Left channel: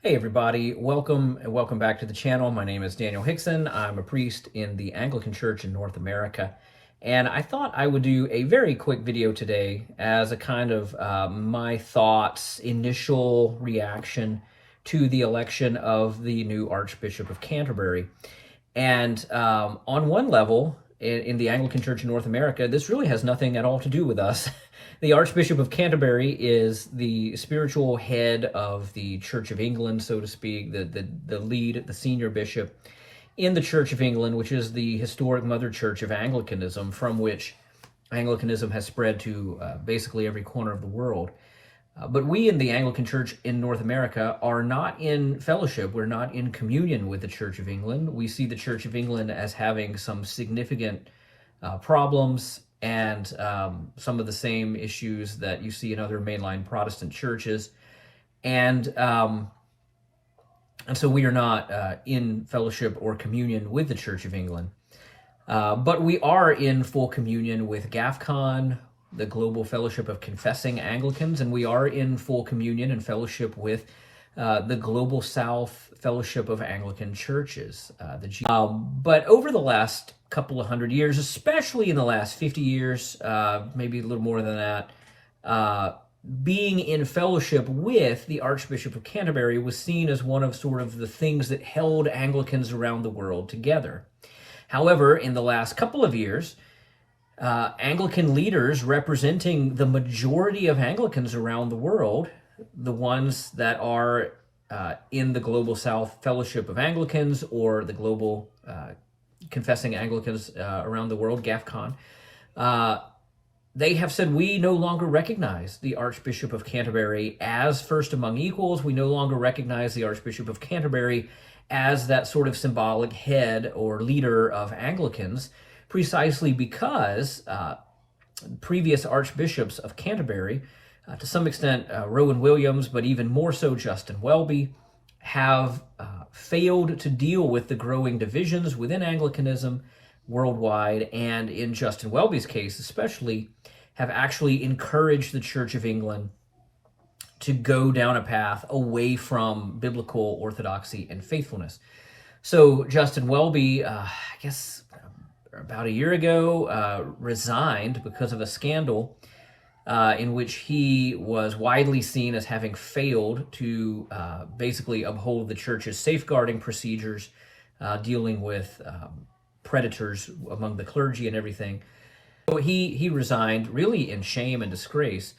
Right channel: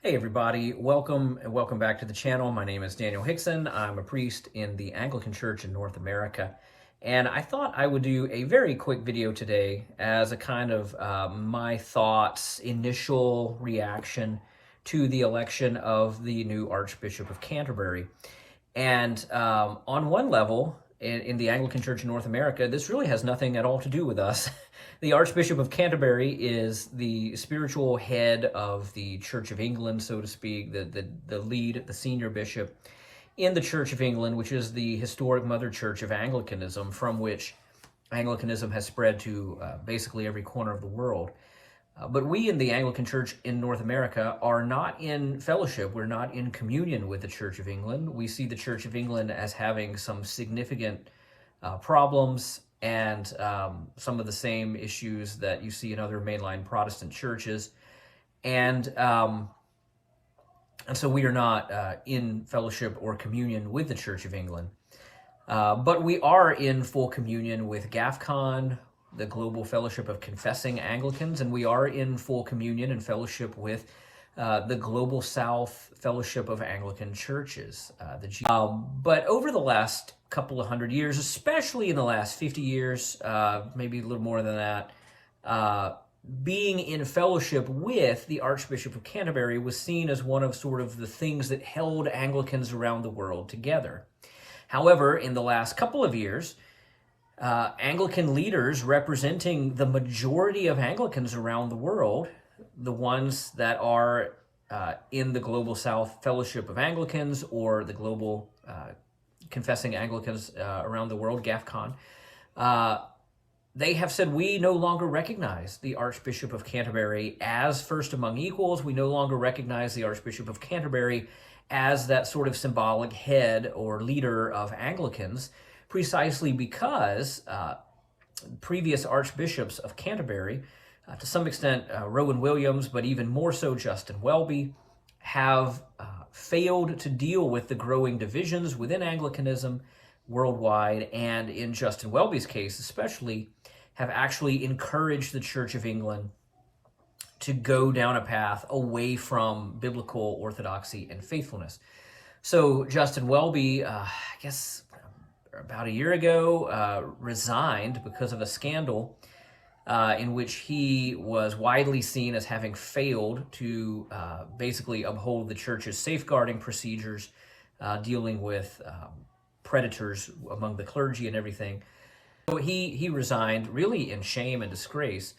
Hey everybody, welcome and welcome back to the channel. My name is Daniel Hickson. I'm a priest in the Anglican Church in North America, and I thought I would do a very quick video today as a kind of my thoughts, initial reaction to the election of the new Archbishop of Canterbury. And on one level, in the Anglican Church in North America, this really has nothing at all to do with us. The Archbishop of Canterbury is the spiritual head of the Church of England, so to speak, the lead, the senior bishop in the Church of England, which is the historic mother church of Anglicanism, from which Anglicanism has spread to basically every corner of the world. But we in the Anglican Church in North America are not in fellowship. We're not in communion with the Church of England. We see the Church of England as having some significant problems and some of the same issues that you see in other mainline Protestant churches. And so we are not in fellowship or communion with the Church of England. But we are in full communion with GAFCON, the Global Fellowship of Confessing Anglicans, and we are in full communion and fellowship with the Global South Fellowship of Anglican Churches. But over the last couple of hundred years, especially in the last 50 years, maybe a little more than that, being in fellowship with the Archbishop of Canterbury was seen as one of sort of the things that held Anglicans around the world together. However, in the last couple of years, Anglican leaders representing the majority of Anglicans around the world, the ones that are in the Global South Fellowship of Anglicans or the Global Confessing Anglicans around the world, GAFCON, they have said, we no longer recognize the Archbishop of Canterbury as first among equals. We no longer recognize the Archbishop of Canterbury as that sort of symbolic head or leader of Anglicans, precisely because previous archbishops of Canterbury, to some extent Rowan Williams, but even more so Justin Welby, have failed to deal with the growing divisions within Anglicanism worldwide, and in Justin Welby's case especially, have actually encouraged the Church of England to go down a path away from biblical orthodoxy and faithfulness. So Justin Welby, I guess about a year ago, resigned because of a scandal in which he was widely seen as having failed to basically uphold the church's safeguarding procedures, dealing with predators among the clergy and everything. So he resigned really in shame and disgrace.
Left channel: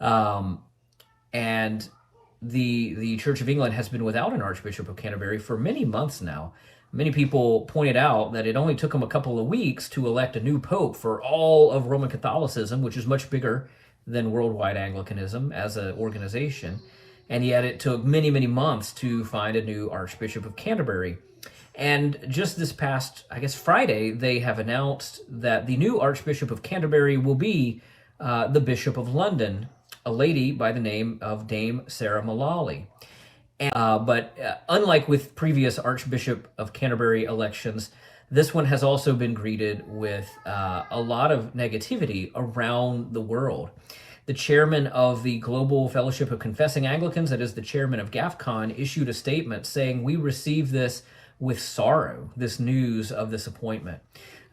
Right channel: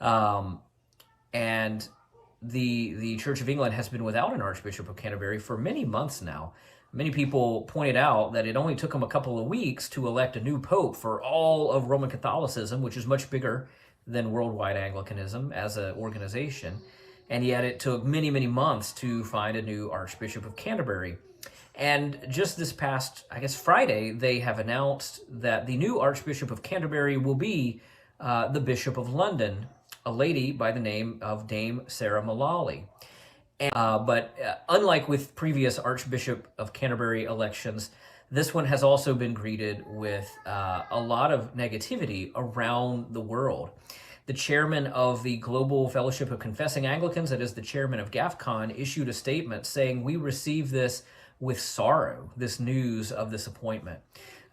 And the Church of England has been without an Archbishop of Canterbury for many months now. Many people pointed out that it only took them a couple of weeks to elect a new pope for all of Roman Catholicism, which is much bigger than worldwide Anglicanism as an organization. And yet it took many, many months to find a new Archbishop of Canterbury. And just this past, I guess, Friday, they have announced that the new Archbishop of Canterbury will be the Bishop of London, a lady by the name of Dame Sarah Mullally. But unlike with previous Archbishop of Canterbury elections, this one has also been greeted with a lot of negativity around the world. The chairman of the Global Fellowship of Confessing Anglicans, that is the chairman of GAFCON, issued a statement saying, "We receive this with sorrow, this news of this appointment."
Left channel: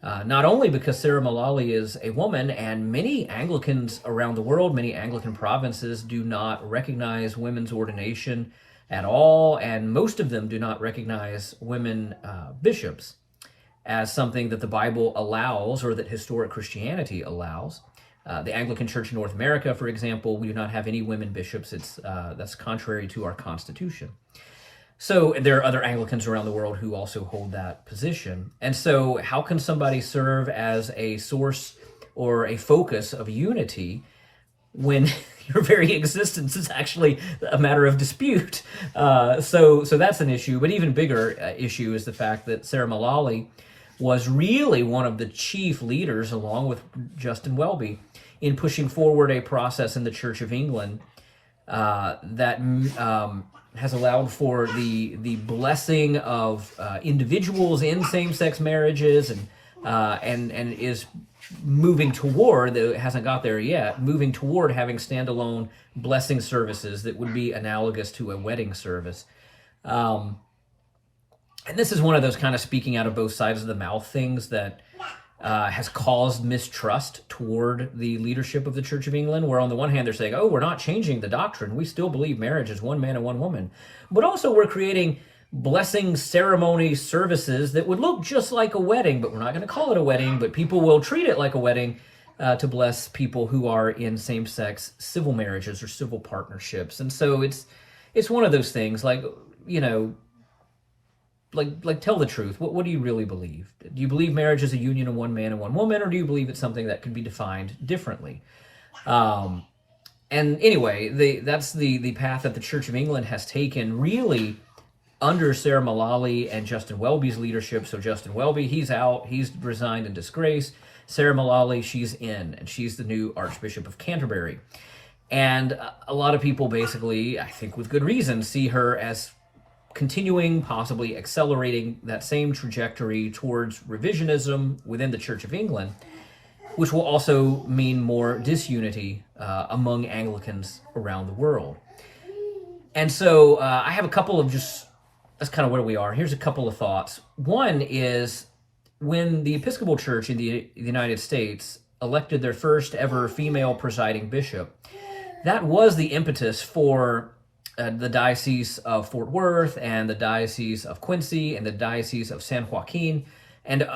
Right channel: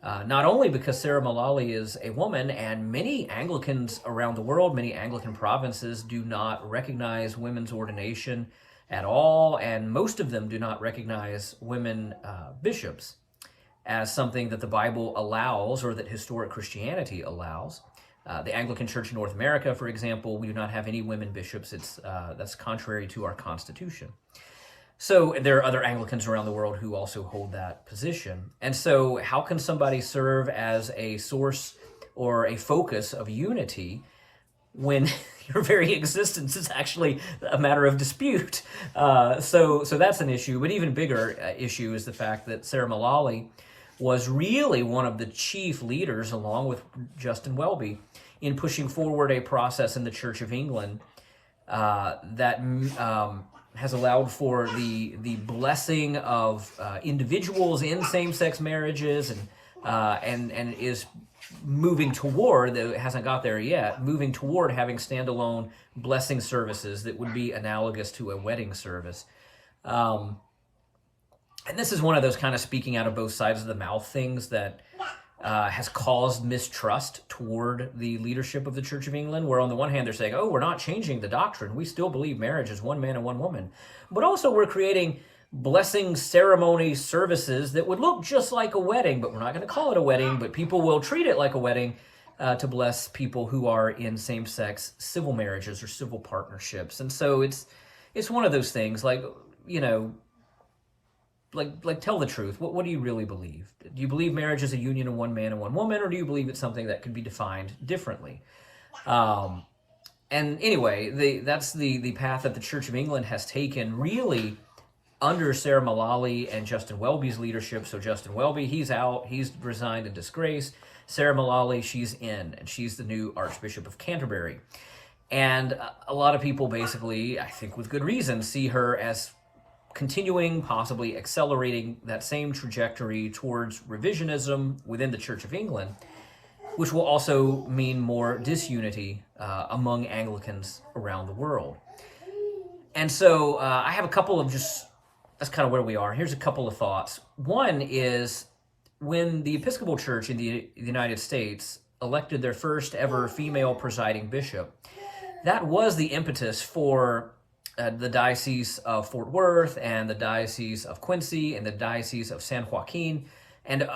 Not only because Sarah Mullally is a woman, and many Anglicans around the world, many Anglican provinces do not recognize women's ordination at all, and most of them do not recognize women bishops as something that the Bible allows or that historic Christianity allows. The Anglican Church in North America, for example, we do not have any women bishops. That's contrary to our Constitution. So there are other Anglicans around the world who also hold that position. And so how can somebody serve as a source or a focus of unity when your very existence is actually a matter of dispute? So that's an issue. But even bigger issue is the fact that Sarah Mullally was really one of the chief leaders, along with Justin Welby, in pushing forward a process in the Church of England that has allowed for the blessing of individuals in same-sex marriages, and is moving toward, though it hasn't got there yet, moving toward having standalone blessing services that would be analogous to a wedding service. Um, and this is one of those kind of speaking out of both sides of the mouth things that has caused mistrust toward the leadership of the Church of England, where on the one hand they're saying, oh, we're not changing the doctrine. We still believe marriage is one man and one woman. But also we're creating blessing ceremony services that would look just like a wedding, but we're not going to call it a wedding, but people will treat it like a wedding to bless people who are in same-sex civil marriages or civil partnerships. And so it's one of those things like, like tell the truth. What do you really believe? Do you believe marriage is a union of one man and one woman, or do you believe it's something that could be defined differently? And anyway, that's the path that the Church of England has taken, really under Sarah Mullally and Justin Welby's leadership. So Justin Welby, he's out, he's resigned in disgrace. Sarah Mullally, she's in, and she's the new Archbishop of Canterbury. And a lot of people basically, I think with good reason, see her as continuing, possibly accelerating that same trajectory towards revisionism within the Church of England, which will also mean more disunity among Anglicans around the world. And so I have a couple of that's kind of where we are. Here's a couple of thoughts. One is when the Episcopal Church in the United States elected their first ever female presiding bishop, that was the impetus for the Diocese of Fort Worth and the Diocese of Quincy and the Diocese of San Joaquin, and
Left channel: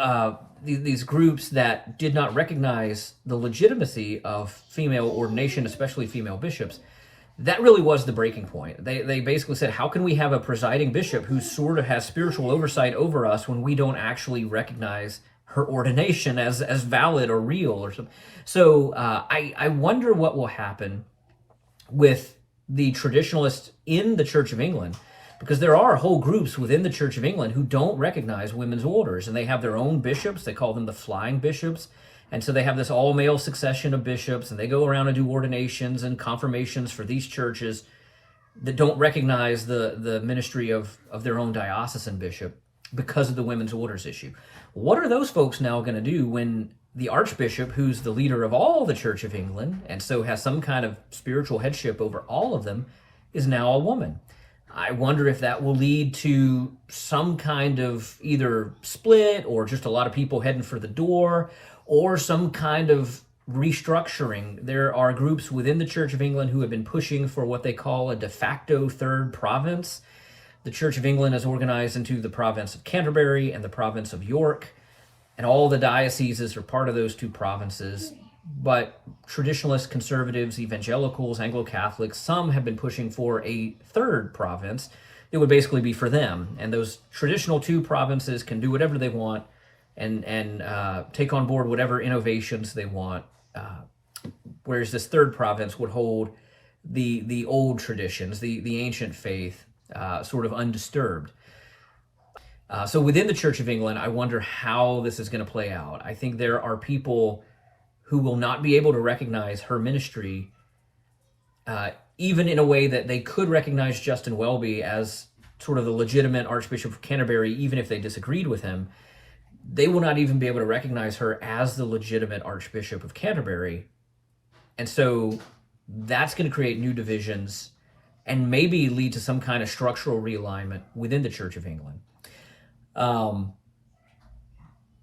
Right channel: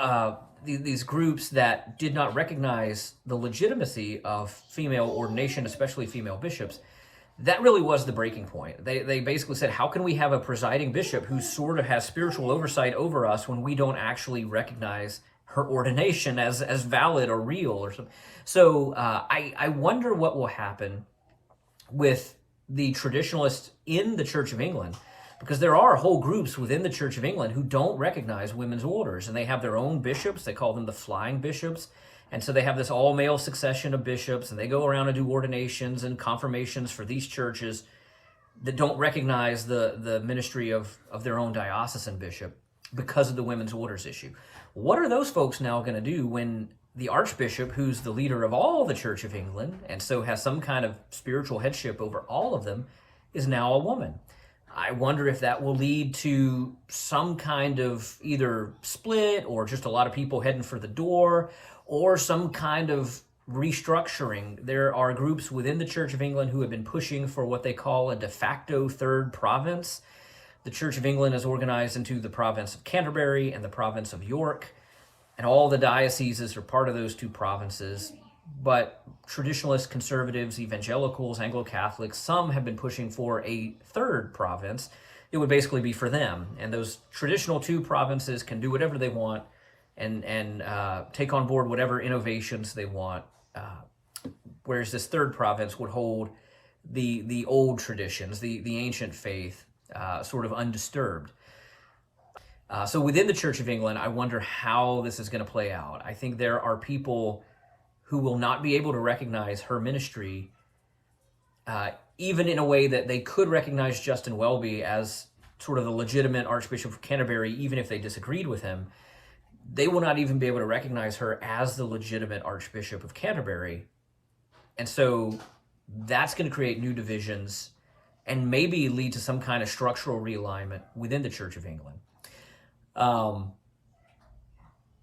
these groups that did not recognize the legitimacy of female ordination, especially female bishops. That really was the breaking point. They basically said, how can we have a presiding bishop who sort of has spiritual oversight over us when we don't actually recognize her ordination as valid or real or something? So I wonder what will happen with the traditionalists in the Church of England, because there are whole groups within the Church of England who don't recognize women's orders, and they have their own bishops. They call them the flying bishops. And so they have this all-male succession of bishops, and they go around and do ordinations and confirmations for these churches that don't recognize the ministry of their own diocesan bishop because of the women's orders issue. What are those folks now going to do when the Archbishop, who's the leader of all the Church of England, and so has some kind of spiritual headship over all of them, is now a woman? I wonder if that will lead to some kind of either split or just a lot of people heading for the door, or some kind of restructuring. There are groups within the Church of England who have been pushing for what they call a de facto third province. The Church of England is organized into the province of Canterbury and the province of York, and all the dioceses are part of those two provinces. But traditionalists, conservatives, evangelicals, Anglo-Catholics, some have been pushing for a third province. It would basically be for them. And those traditional two provinces can do whatever they want and take on board whatever innovations they want. Whereas this third province would hold the old traditions, the ancient faith, sort of undisturbed. So within the Church of England, I wonder how this is going to play out. I think there are people who will not be able to recognize her ministry, even in a way that they could recognize Justin Welby as sort of the legitimate Archbishop of Canterbury, even if they disagreed with him. They will not even be able to recognize her as the legitimate Archbishop of Canterbury. And so that's going to create new divisions and maybe lead to some kind of structural realignment within the Church of England.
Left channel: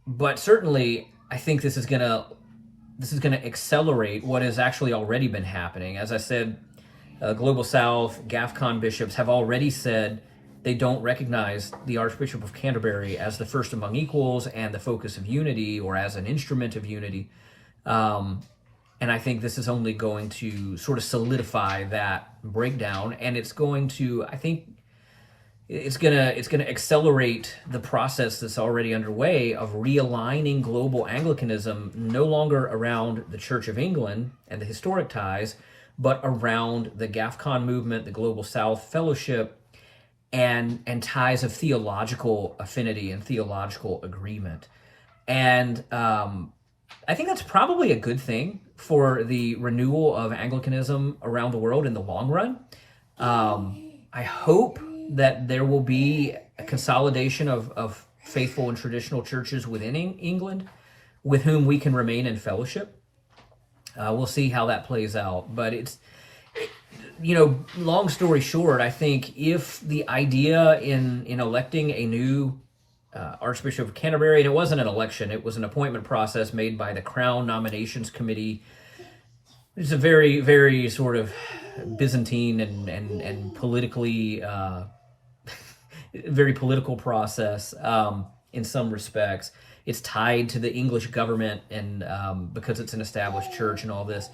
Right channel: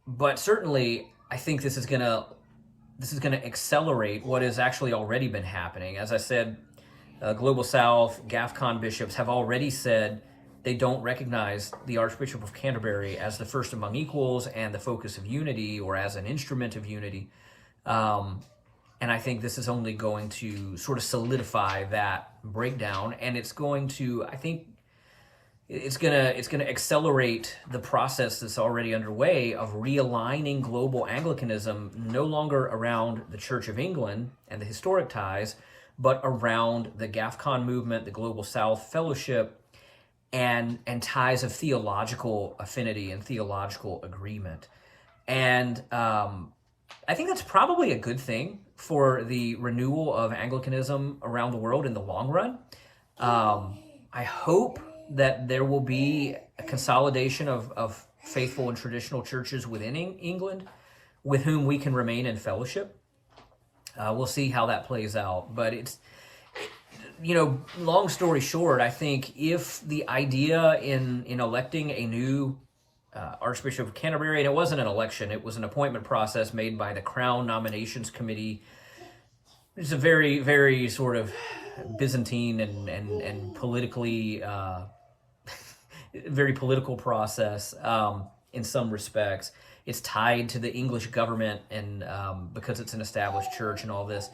But certainly, I think this is going to accelerate what has actually already been happening. As I said, Global South, GAFCON bishops have already said they don't recognize the Archbishop of Canterbury as the first among equals and the focus of unity, or as an instrument of unity. And I think this is only going to sort of solidify that breakdown, and it's going to, I think, it's gonna accelerate the process that's already underway of realigning global Anglicanism no longer around the Church of England and the historic ties, but around the GAFCON movement, the Global South Fellowship, and ties of theological affinity and theological agreement. And I think that's probably a good thing for the renewal of Anglicanism around the world in the long run. I hope that there will be a consolidation of faithful and traditional churches within England with whom we can remain in fellowship. We'll see how that plays out. But long story short, I think if the idea in electing a new Archbishop of Canterbury, and it wasn't an election, it was an appointment process made by the Crown Nominations Committee. It's a very, very sort of Byzantine and politically, very political process in some respects. It's tied to the English government, and because it's an established church and all this.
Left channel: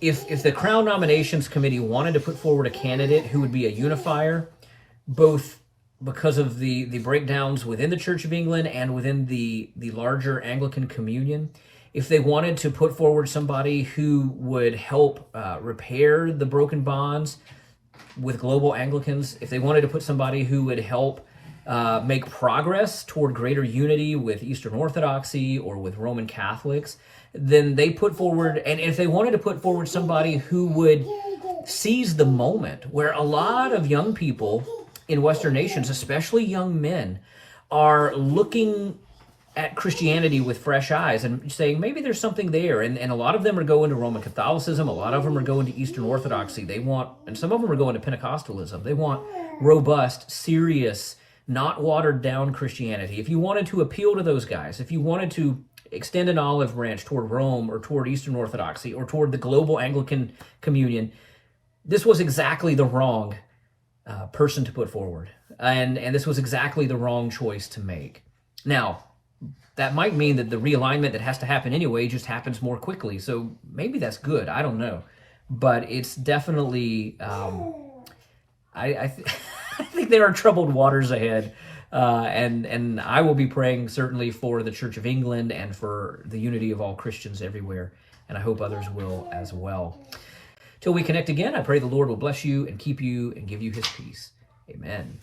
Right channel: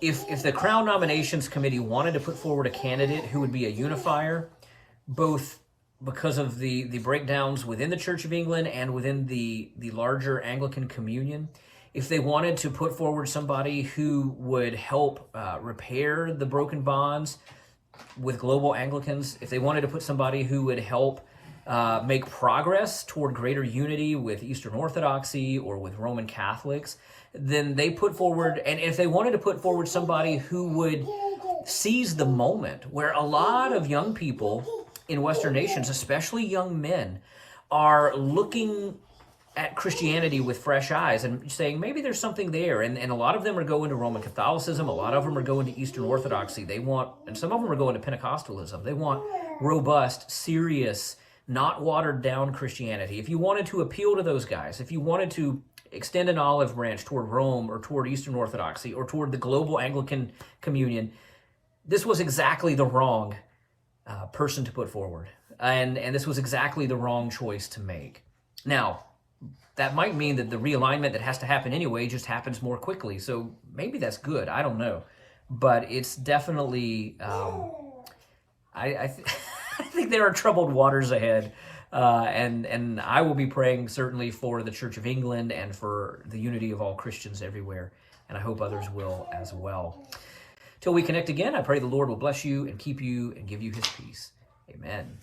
If the Crown Nominations Committee wanted to put forward a candidate who would be a unifier, both because of the breakdowns within the Church of England and within the larger Anglican communion, if they wanted to put forward somebody who would help repair the broken bonds with global Anglicans, if they wanted to put somebody who would help make progress toward greater unity with Eastern Orthodoxy or with Roman Catholics, then they put forward, and if they wanted to put forward somebody who would seize the moment, where a lot of young people in Western nations, especially young men, are looking at Christianity with fresh eyes and saying, maybe there's something there. And a lot of them are going to Roman Catholicism. A lot of them are going to Eastern Orthodoxy. And some of them are going to Pentecostalism. They want robust, serious, not watered down Christianity. If you wanted to appeal to those guys, if you wanted to extend an olive branch toward Rome or toward Eastern Orthodoxy or toward the global Anglican communion, this was exactly the wrong person to put forward. And this was exactly the wrong choice to make. Now, that might mean that the realignment that has to happen anyway just happens more quickly. So maybe that's good. I don't know. But it's definitely, I think there are troubled waters ahead. And I will be praying certainly for the Church of England and for the unity of all Christians everywhere. And I hope others will as well. Till we connect again, I pray the Lord will bless you and keep you and give you his peace. Amen.